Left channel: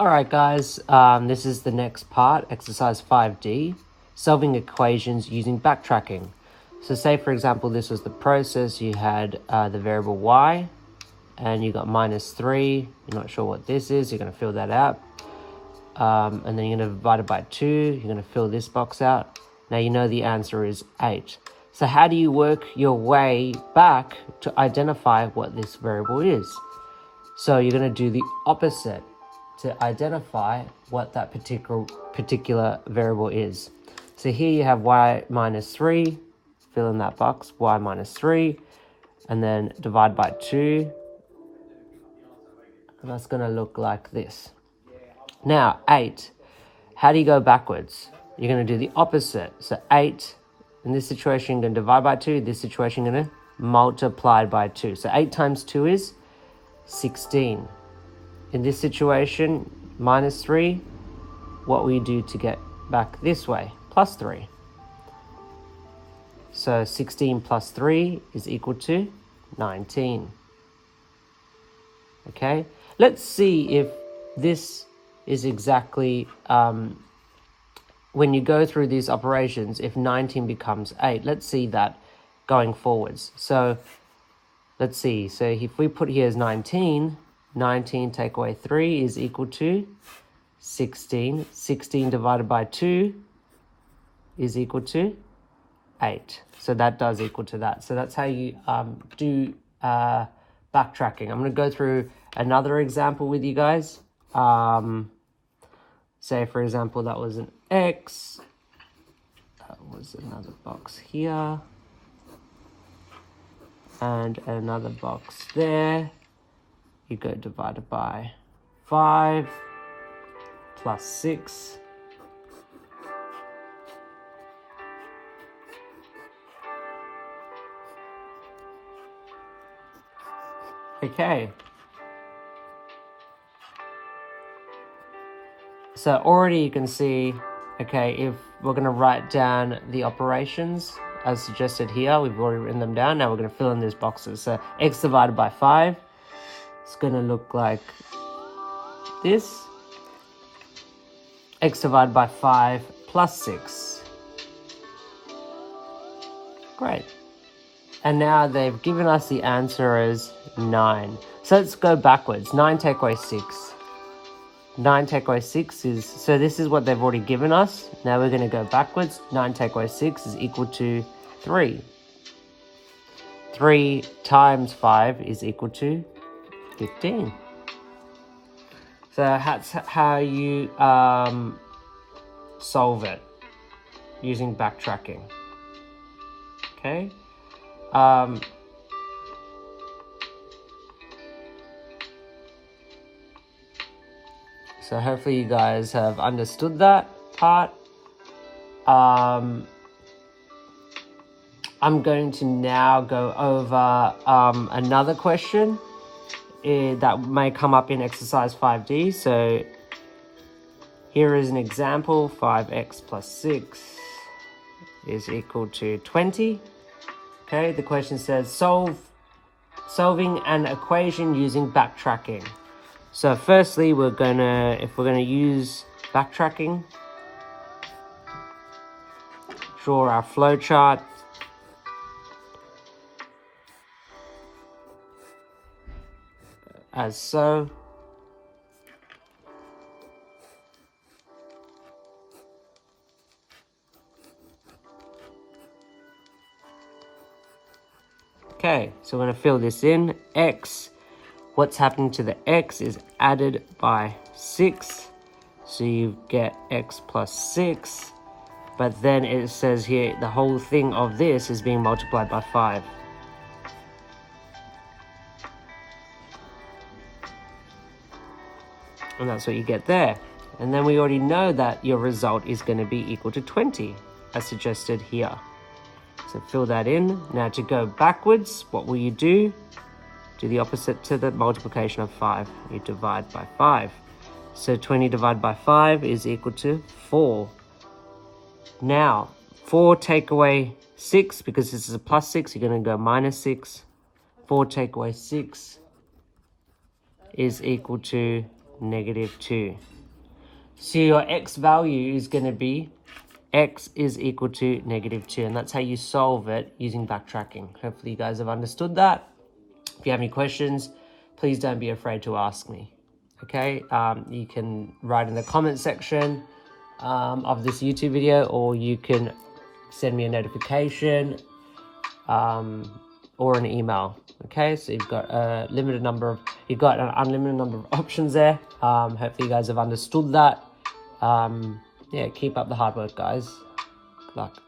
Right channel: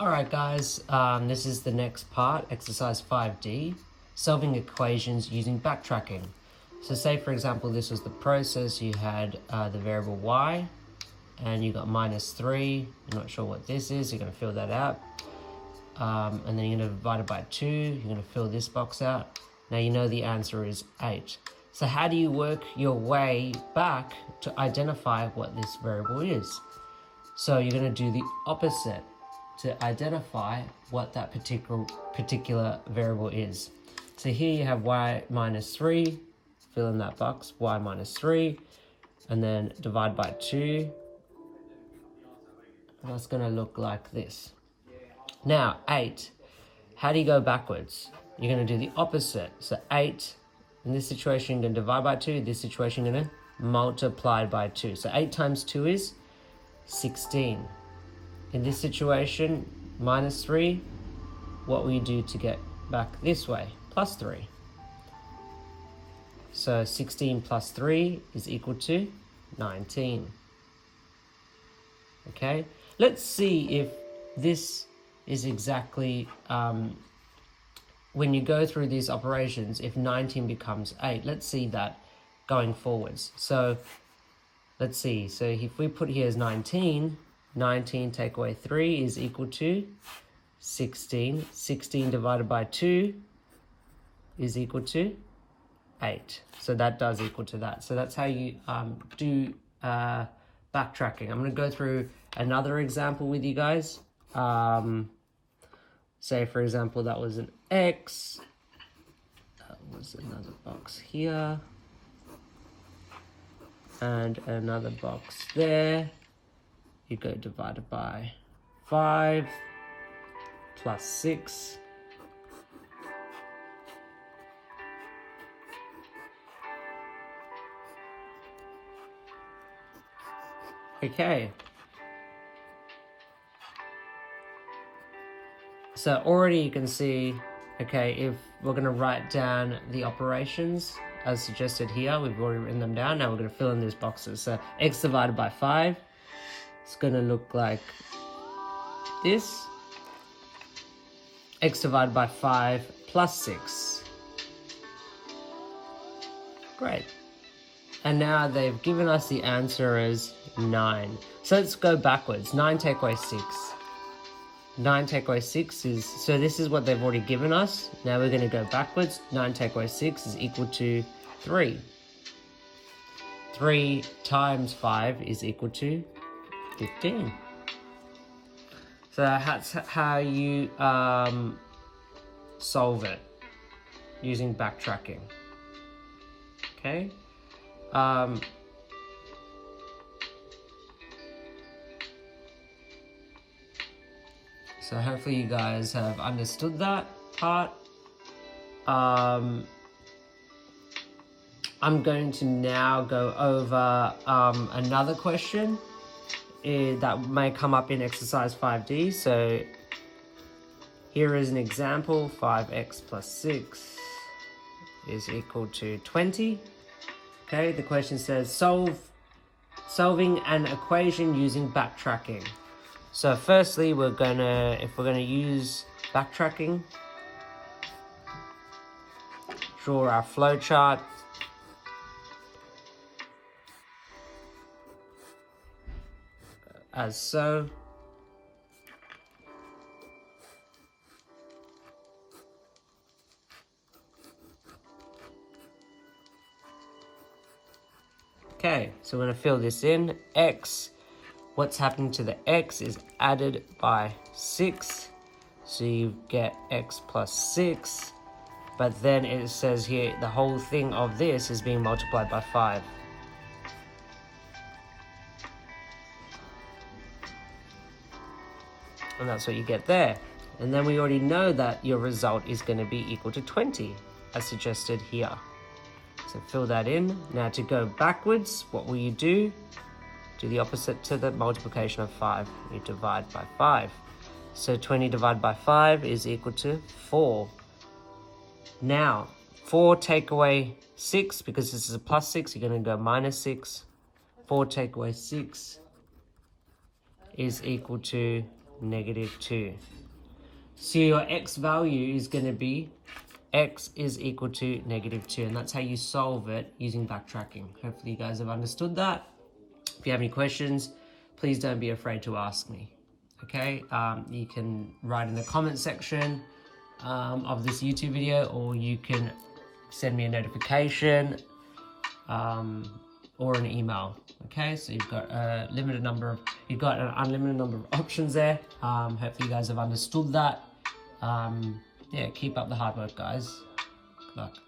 Alright guys, this is the next part, exercise 5D, solving equations using backtracking. So say for example this was the process, you had the variable y and you got -3, you're not sure what this is, you're going to fill that out. And then you're going to divide it by 2, you're going to fill this box out. Now you know the answer is 8. So how do you work your way back to identify what this variable is? So you're going to do the opposite to identify what that particular variable is. So here you have y -3, fill in that box, y -3, and then divide by 2. And that's going to look like this. Now 8, how do you go backwards? You're going to do the opposite. So 8, in this situation, you're going to divide by 2. This situation, you're going to multiply by 2. So 8 times 2 is 16. In this situation, -3, what will you do to get back this way? +3. So 16 plus 3 is equal to 19. Okay, let's see if this is exactly, when you go through these operations, if 19 becomes 8. Let's see that going forwards. So let's see, so if we put here as 19, 19 take away 3 is equal to 16. 16 divided by 2 is equal to 8. So that does equal to that. So that's how you do backtracking. I'm going to go through another example with you guys. Say, for example, that was an X. That was another box here. And another box there. You go divided by 5 plus 6. Okay. So already you can see, okay, if we're going to write down the operations as suggested here, we've already written them down. Now we're going to fill in these boxes. So x divided by 5. It's going to look like this. X divided by 5 plus 6. Great. And now they've given us the answer as 9. So let's go backwards. 9 take away 6. 9 take away 6 is, so this is what they've already given us. Now we're going to go backwards. 9 take away 6 is equal to 3. 3 times 5 is equal to 15. So that's how you solve it using backtracking. Okay. So hopefully you guys have understood that part. I'm going to now go over another question that may come up in exercise 5D. So here is an example. 5x plus 6 is equal to 20. Okay, the question says solving an equation using backtracking. So firstly, if we're gonna use backtracking, draw our flow chart. As so. Okay, so we're going to fill this in. X, what's happening to the X is added by 6. So you get X plus 6. But then it says here, the whole thing of this is being multiplied by 5. And that's what you get there. And then we already know that your result is going to be equal to 20, as suggested here. So fill that in. Now to go backwards, what will you do? Do the opposite to the multiplication of 5. You divide by 5. So 20 divided by 5 is equal to 4. Now, 4 take away 6, because this is a plus 6, you're going to go minus 6. 4 take away 6 is equal to -2. So your x value is going to be x is equal to -2, and that's how you solve it using backtracking. Hopefully you guys have understood that. If you have any questions, please don't be afraid to ask me. Okay, you can write in the comment section of this YouTube video, or you can send me a notification or an email. Okay, so you've got an unlimited number of options there. Hopefully you guys have understood that. Yeah, keep up the hard work, guys. Good luck.